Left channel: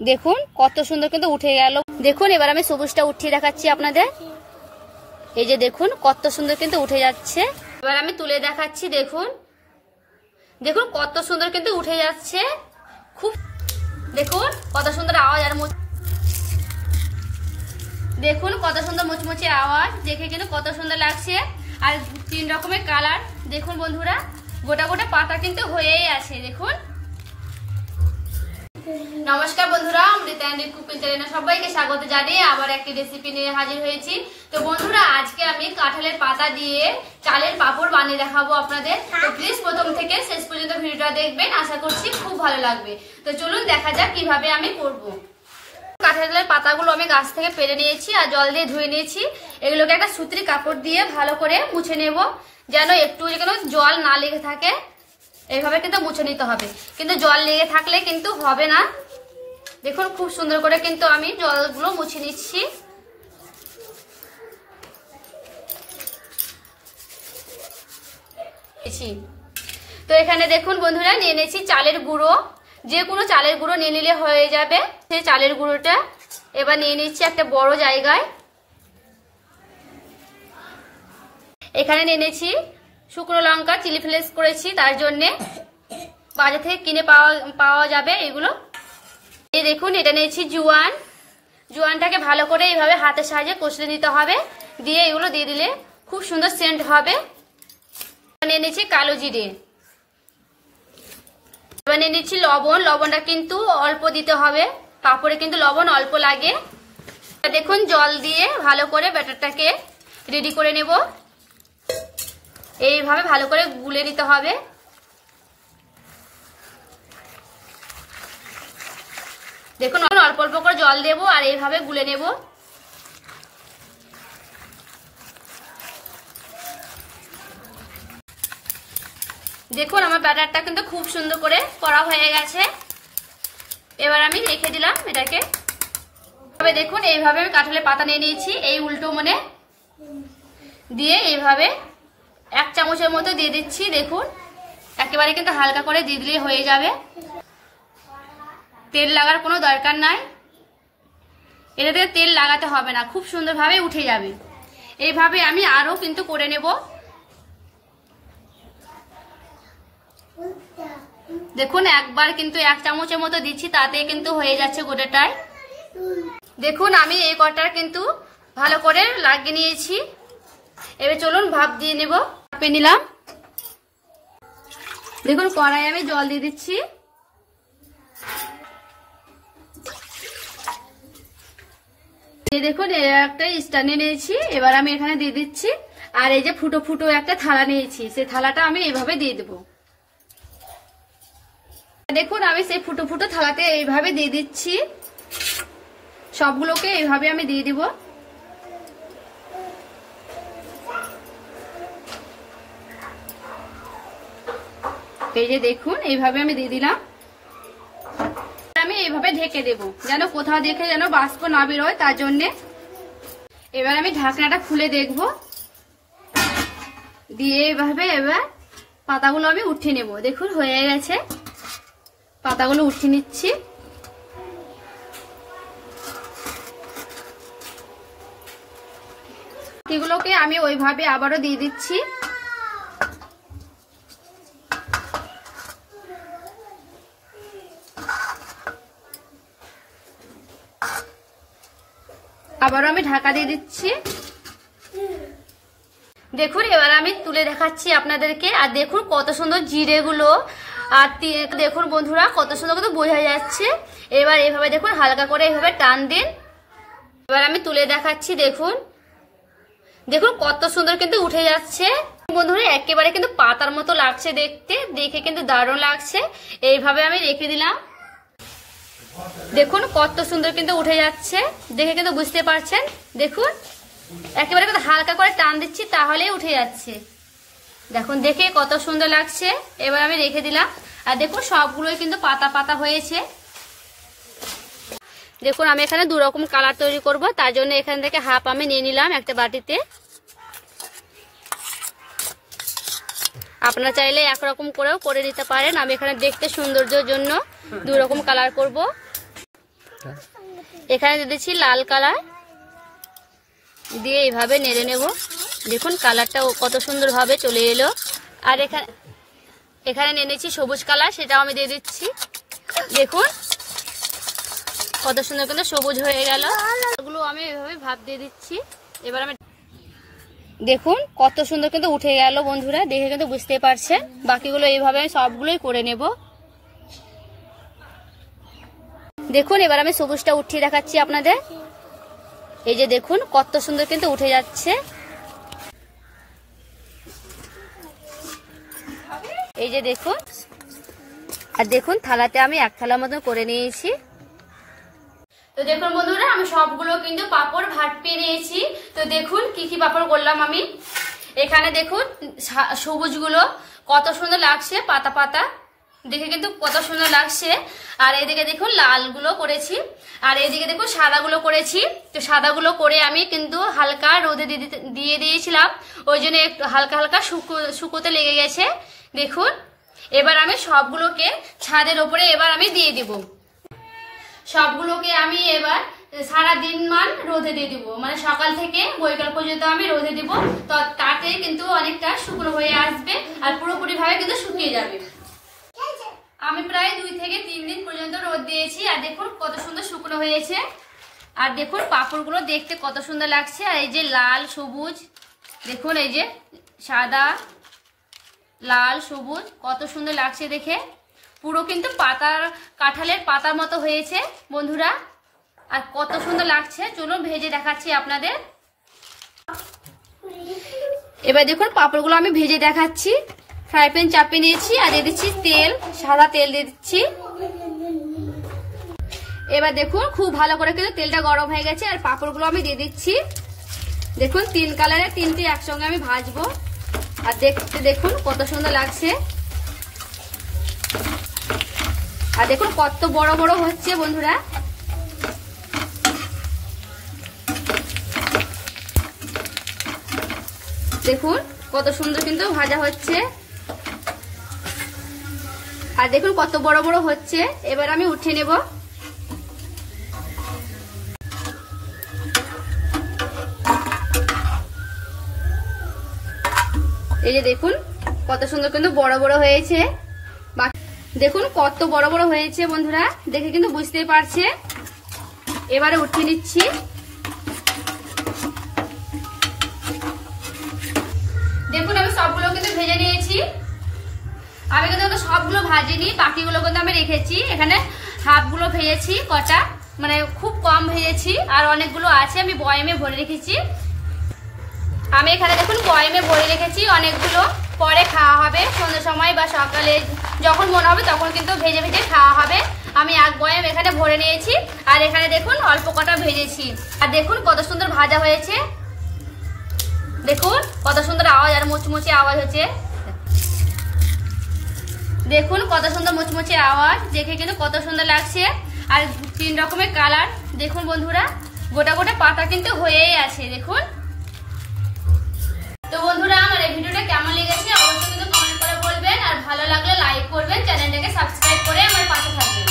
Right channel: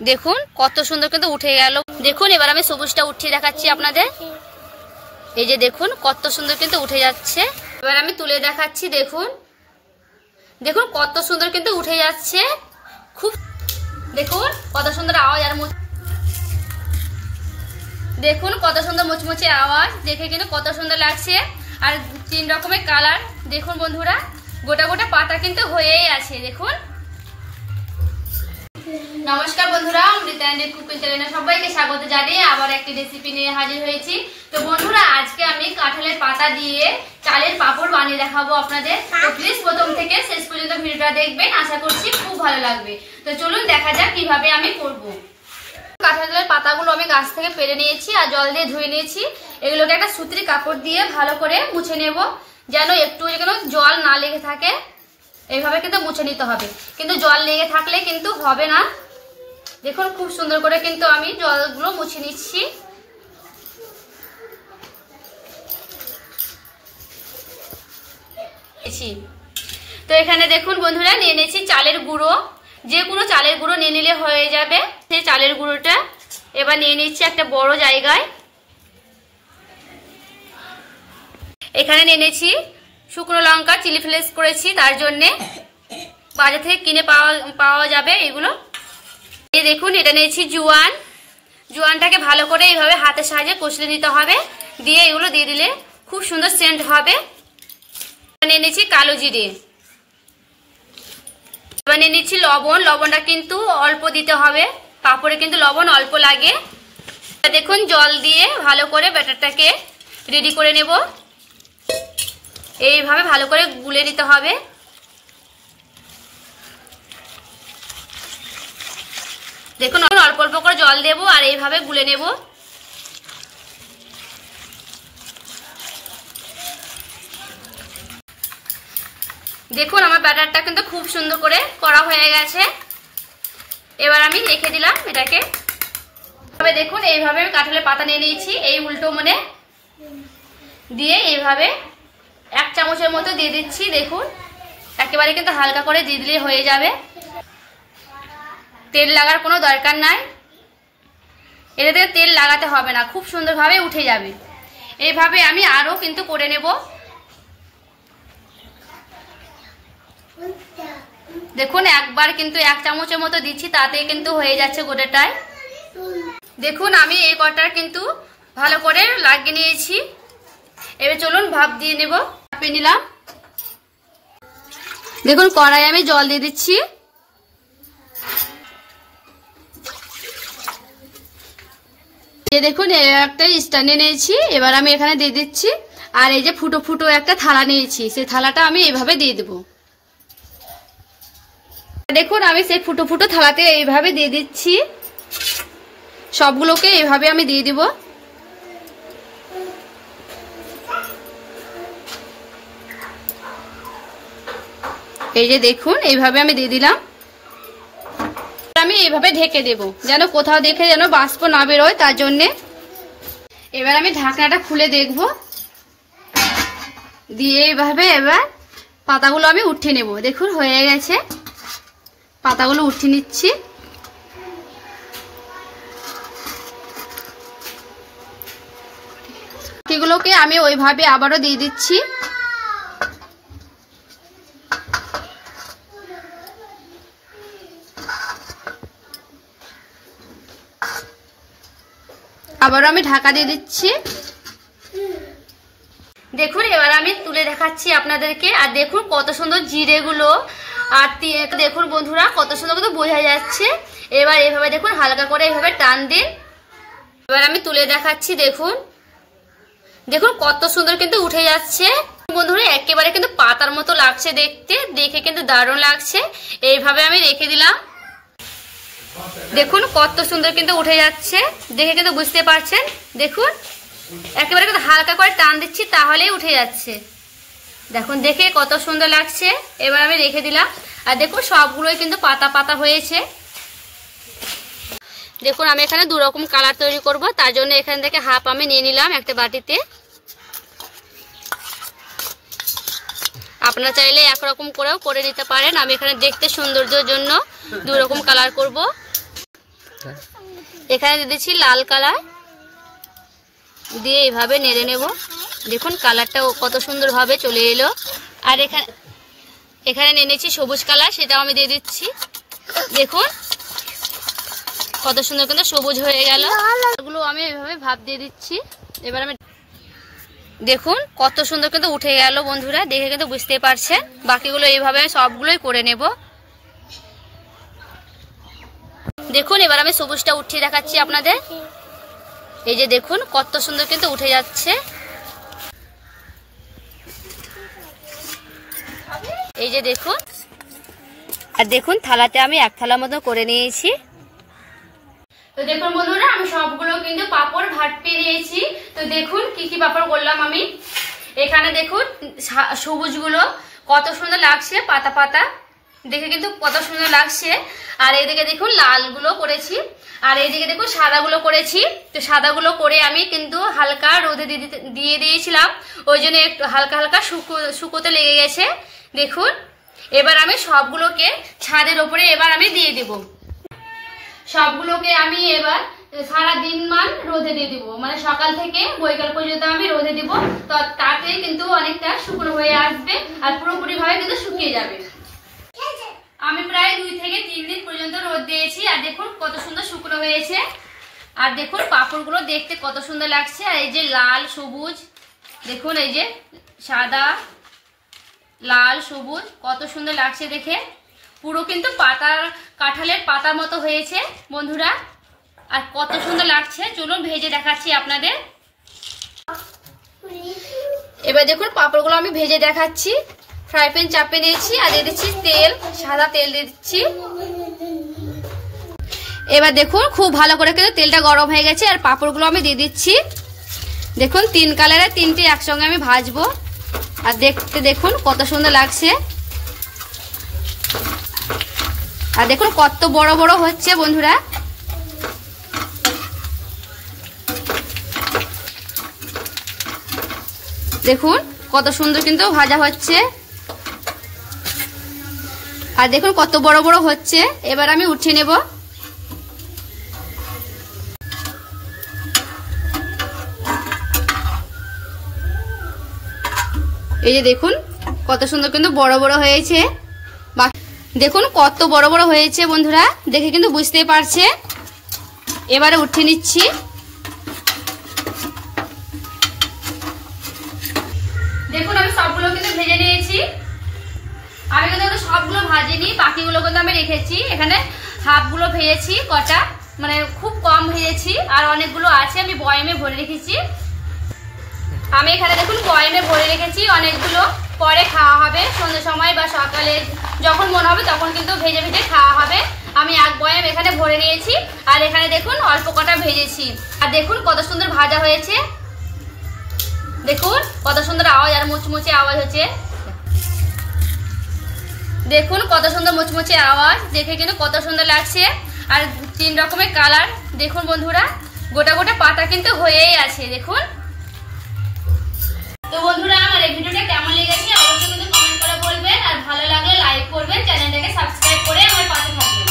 দেখুন কত সুন্দর কিন্তু উঠে গেল। দেখুন এবার আমি সবুজটা উঠিয়ে দেখাচ্ছি আপনাদের। এই যে দেখুন কত সুন্দর কিন্তু উঠে যাচ্ছে। এবার আমি তুলে দেখাচ্ছি। দেখুন দেখুন কত সুন্দর কিন্তু উঠে যাচ্ছে। খুব দেখুন কত সুন্দর আওয়াজ। আর দেখুন কত সুন্দর মুচমুচে আওয়াজ, দেখে কিন্তু কত সুন্দর লাগছে। আর 3 রকমের কালার। দেখুন বন্ধুরা গোটা গোটা পাতা কিন্তু হয়েই আছে। দেখুন। নমস্কার বন্ধুরা, অমৃতা এন্ড কুকিং চ্যানেলে সবাইকে স্বাগত জানিয়ে আবার একটি রেসিপি নিয়ে হাজির হয়েছি। তো বন্ধুরা আজকে আমি কাঁঠালের পাতা দিয়ে চালের পাঁপড় বানিয়ে দেখাবো আপনাদের। তো প্লিজ প্রথম থেকে শেষ পর্যন্ত ভিডিওটা দেখবেন, আশা করছি খুব ভালো লাগবে। তো চলুন দেখা যাক কিভাবে আমি করব। কাঁঠালের পাতাগুলো আমি গাছ থেকে পেরে নিয়েছি আর জল দিয়ে ধুয়ে নিয়েছি। এগুলোকে একটা সুতির কাপড় দিয়ে ভালো করে মুছে নেব, যেন একটু যেন জল না লেগে থাকে। এইভাবে কিন্তু মুছে নিতে হবে, কিন্তু জল লেগে থাকলে কিন্তু হবে না। দেখুন খুব সুন্দর করে কিন্তু আমি জলগুলো মুছে নিচ্ছি। তো এখানে দেখুন বন্ধুরা নিয়ে নিয়েছি চালের গুঁড়ো। যে কোনো চালের গুঁড়ো নিয়ে নিলে হয়ে যাবে। সেই চালের গুঁড়োটা এবার নিয়ে নিচ্ছি একটা বড় জায়গায়। এখানে নিয়ে নিয়েছি শুকনো লঙ্কা, চিলি ফ্লেক্স করেছি, তার জন্যে বাজার থেকে কিনে পাওয়া যাবে এগুলো। এই দেখুন এটা নিয়েছি জোয়ান। জোয়ানটাকে ভালো করে এইভাবে হাতের সাহায্যে কষলে নিতে হবে, দিয়ে এগুলো দিয়ে দিলে খুব সুন্দর সেন্ট হবে। নিয়ে নিয়েছি কালো জিরে। এবার নিয়ে নিচ্ছি লবণ। লবণটা কিন্তু অল্প দিতে হবে, পাঁপড়ে কিন্তু লবণ অল্প লাগে। দেখুন জল দিয়ে ভালো করে ব্যাটারটাকে রেডি করে নেব। এইভাবে ভালো করে গুলে নিতে হবে। দেখুন অল্প অল্প করে জল দেব আর এইভাবে গুলে নেব। দেখুন আমার ব্যাটারটা কিন্তু খুব সুন্দর করে করা হয়ে গেছে। এবার আমি রেখে দিলাম এটাকে। তবে দেখুন এইভাবে আমি কাঁঠালের পাতা নিয়ে নিয়েছি, এই উল্টো মনে দিয়ে এইভাবে 1 চামচের মতো দিয়ে দিচ্ছি। দেখুন একেবারে কিন্তু হালকা করে দিয়ে দিলে হয়ে যাবে, তেল লাগার কোনো দরকার নাই। এটাতে তেল লাগাতে হবে না, খুব সুন্দরভাবে উঠে যাবে। এইভাবে আমি আরো কিন্তু করে নেব। দেখুন একবার কিন্তু 1 চামচের মতো দিচ্ছি, তাতে কিন্তু হয়ে যাচ্ছে গোটাটাই। দেখুন আমি এই কটার কিন্তু ভালো করে লাগিয়ে নিয়েছি। এবার চলুন ভাপ দিয়ে নেব। ভাপে নিলাম। দেখুন কড়াই আমি জল দিয়ে দিচ্ছি। দেখুন একটা স্ট্যান্ড নিয়েছি, এবার আমি এখানে দিয়ে দিচ্ছি। আর এই যে ফুটো ফুটো একটা থালা নিয়েছি, সেই থালাটা আমি এইভাবে দিয়ে দেব। দেখুন আমি সেই ফুটো ফুটো থালাতে এইভাবে দিয়ে দিচ্ছি। সবগুলোকে এইভাবে আমি দিয়ে দিব। এই যে দেখুন এইভাবে আমি দিয়ে দিলাম। আমি এইভাবে ঢেকে দেব, যেন কোথাও দেখে যেন বাষ্প না বেরোয়, তার জন্যে। এবার আমি ঢাকনাটা খুলে দেখব, দিয়ে এইভাবে এবার পাতাগুলো আমি উঠিয়ে নেব। দেখুন হয়ে গেছে, পাতাগুলো উঠিয়ে নিচ্ছি। এগুলোকে আমি ওইভাবে আবারও দিয়ে দিচ্ছি। আবারও আমি ঢাকা দিয়ে দিচ্ছি। দেখুন এবার আমি তুলে দেখাচ্ছি আপনাদেরকে। আর দেখুন কত সুন্দর জিরেগুলো, আর দেখুন বন্ধুরা কত সুন্দর কিন্তু বোঝা যাচ্ছে। এবার এইভাবে দেখুন হালকা করে এইভাবে টান দিন। এবার আমি তুলে দেখাচ্ছি। দেখুন দেখুন কত সুন্দর কিন্তু উঠে যাচ্ছে বন্ধুরা, একেবারে কিন্তু পাতার মতো লাগছে দেখতে, দেখে কিন্তু দারুণ লাগছে। এইভাবে আমি রেখে দিলাম। দেখুন কত সুন্দর কিন্তু উঠে যাচ্ছে, দেখে কিন্তু বুঝতে পারছেন। দেখুন একেবারে কিন্তু হালকা করে টান দিচ্ছি, তাহলেই উঠে যাচ্ছে। দেখুন দেখে কত সুন্দর লাগছে। এবার আমি রেখে দিলাম। আর দেখুন সবগুলোই কিন্তু পাতা পাতা হয়েছে। দেখুন আমি এখানে 2 রকম কালার তৈরি করব, তার জন্য এখান থেকে হাফ আমি নিয়ে নিলাম একটা বাটিতে। আপনারা চাইলে একরকম করেও করে নিতে পারেন। আমি এখানে দেখতে সৌন্দর্যের জন্য 2 রকম কালার করব। এখানে দিয়ে দিচ্ছি লাল কালার, দিয়ে এইভাবে নেড়ে নেব। দেখুন কালারটা কত সুন্দরভাবে চলে এলো। আর এখানে নিয়ে নিচ্ছি সবুজ কালার, সেটাও আমি দিয়ে দিচ্ছি। দেখুন কত সুন্দর কিন্তু সবুজ হয়ে গেল। এগুলো আমি এইভাবে ভাপ দিয়ে দিচ্ছি। এবার আমি দেখুন কত সুন্দর কিন্তু উঠে গেল বন্ধুরা, দেখে কিন্তু বুঝতে পারছেন। বাকিগুলো এইভাবে আমি সবগুলোই করে নেব। দেখুন এবার আমি সবুজটা উঠিয়ে দেখাচ্ছি আপনাদের। এই যে দেখুন কত সুন্দর কিন্তু উঠে যাচ্ছে। এই যে দেখুন, আর দেখুন থালাতে আমি এক থালা মতো করে নিয়েছি। তো দেখুন বন্ধুরা আমি সবগুলো কিন্তু পাপড় ভাপিয়ে নিয়েছি। তো দেখুন কি কি পাপড় করলাম আমি। এখানে দেখুন সবুজগুলো কত সুন্দর লাগছে, পাতা পাতা দেখে কিন্তু কত সুন্দর লাগছে। আর এইদিকে দেখুন লালগুলো করেছি, আর এইদিকে দেখুন সাদাগুলো করেছি। তো সাদাগুলো করে আমি কিন্তু হালকা রোদে দিয়ে দিয়েছিলাম, ওই জন্য একটু হালকা হালকা শুকোতে লেগে গেছে। দেখুন এবার আমি সবগুলোকে ছাদের ওপরে এবার আমি দিয়ে দেব। সবগুলোকে আমি এবার সারা দিন মান রোদে দিয়ে দিব, মানে সকাল থেকে বৈকাল পর্যন্ত আমি রোদে দিব। তো তাতে কিন্তু অনেকটা শুকনো হয়ে আসবে আর পুরোপুরি ভাবে কিন্তু শুকিয়ে যাবে। আমি প্রায় 2 থেকে 3 দিন পর্যন্ত রোদ দিয়েছি, আর দেখুন কত সুন্দর শুকনো হয়েছে। আর দেখুন পাপড়গুলো দেখতে কত সুন্দর লাগছে। আর এই যে লাল সবুজ, দেখুন এই যে সাদা লাল সবুজ কত সুন্দর লাগছে দেখে। পুরো কিন্তু পাতার কাঁঠালের পাতার মতো হয়েছে বন্ধুরা, আর কত সুন্দর লাগছে। চলুন ভেজে দেখাচ্ছি আপনাদের। এবার দেখুন পাপড়গুলো আমি ভেজে দেখাচ্ছি। ফ্রাই প্যান চাপিয়ে নিয়েছি আর দিয়ে দিচ্ছি তেল, সাদা তেল দিয়ে দিচ্ছি। এবার দেখুন খুব ভালো করে কিন্তু তেলটা গরম হয়ে গেছে, আর পাপড়গুলো আমি দিয়ে দিচ্ছি। দেখুন 3 কালারের 3টে একসঙ্গে আমি ভাজবো। আর দেখতে দেখুন কত সুন্দর লাগছে। আর দেখুন কত বড় বড় হচ্ছে বন্ধুরা। দেখুন কত সুন্দর কিন্তু ভাজা হচ্ছে, আর দেখুন কত বড় বড় হচ্ছে। এবার আমি উঠিয়ে নেব। এই যে দেখুন কত সুন্দর কিন্তু বড় বড় হয়েছে। দেখুন কত বড় বড় হয়েছে বন্ধুরা, দেখে কিন্তু বুঝতেই পারছে। এবারে উঠিয়ে নিচ্ছি। দেখুন আমি সবগুলো কিন্তু ভেজে নিয়েছি। আমি কিন্তু সবগুলো ভাজিনি, বাকিগুলো কিন্তু আমি রেখেছি। এখানে হাফগুলো ভেজেছি, কটা মানে খুব কম ভেজেছি, আর অনেকগুলো আছে আমি বয়ামে ভরে রেখেছি। আমি এখানে দেখুন বয়ামে ভরে রেখেছি অনেকগুলো, পরে খাওয়া হবে সন্ধ্যার সময় বা সকালে যখন মনে হবে তখন কিন্তু ভেজে ভেজে খাওয়া হবে। আমি এক বয়াম এখানে ভরে নিয়েছি, আর এখানে দেখুন অল্প কটা ভেজেছি। আর দেখুন কত সুন্দর ভাজা হয়েছে। দেখুন কত সুন্দর আওয়াজ, আর মুচমুচে আওয়াজ হচ্ছে। দেখুন কত সুন্দর মুচমুচে আওয়াজ, দেখে কিন্তু কত সুন্দর লাগছে। আর 3 রকমের কালার দেখুন বন্ধুরা, গোটা গোটা পাতা কিন্তু হয়েই আছে। দেখুন তো বন্ধুরা আমার এই ভিডিওটা কেমন লেগেছে অবশ্যই কিন্তু কমেন্ট করে বলবেন, আর ভালো লাগলে লাইক করবেন, চ্যানেলটাকে সাবস্ক্রাইব করে আমার পাশে থাকবেন।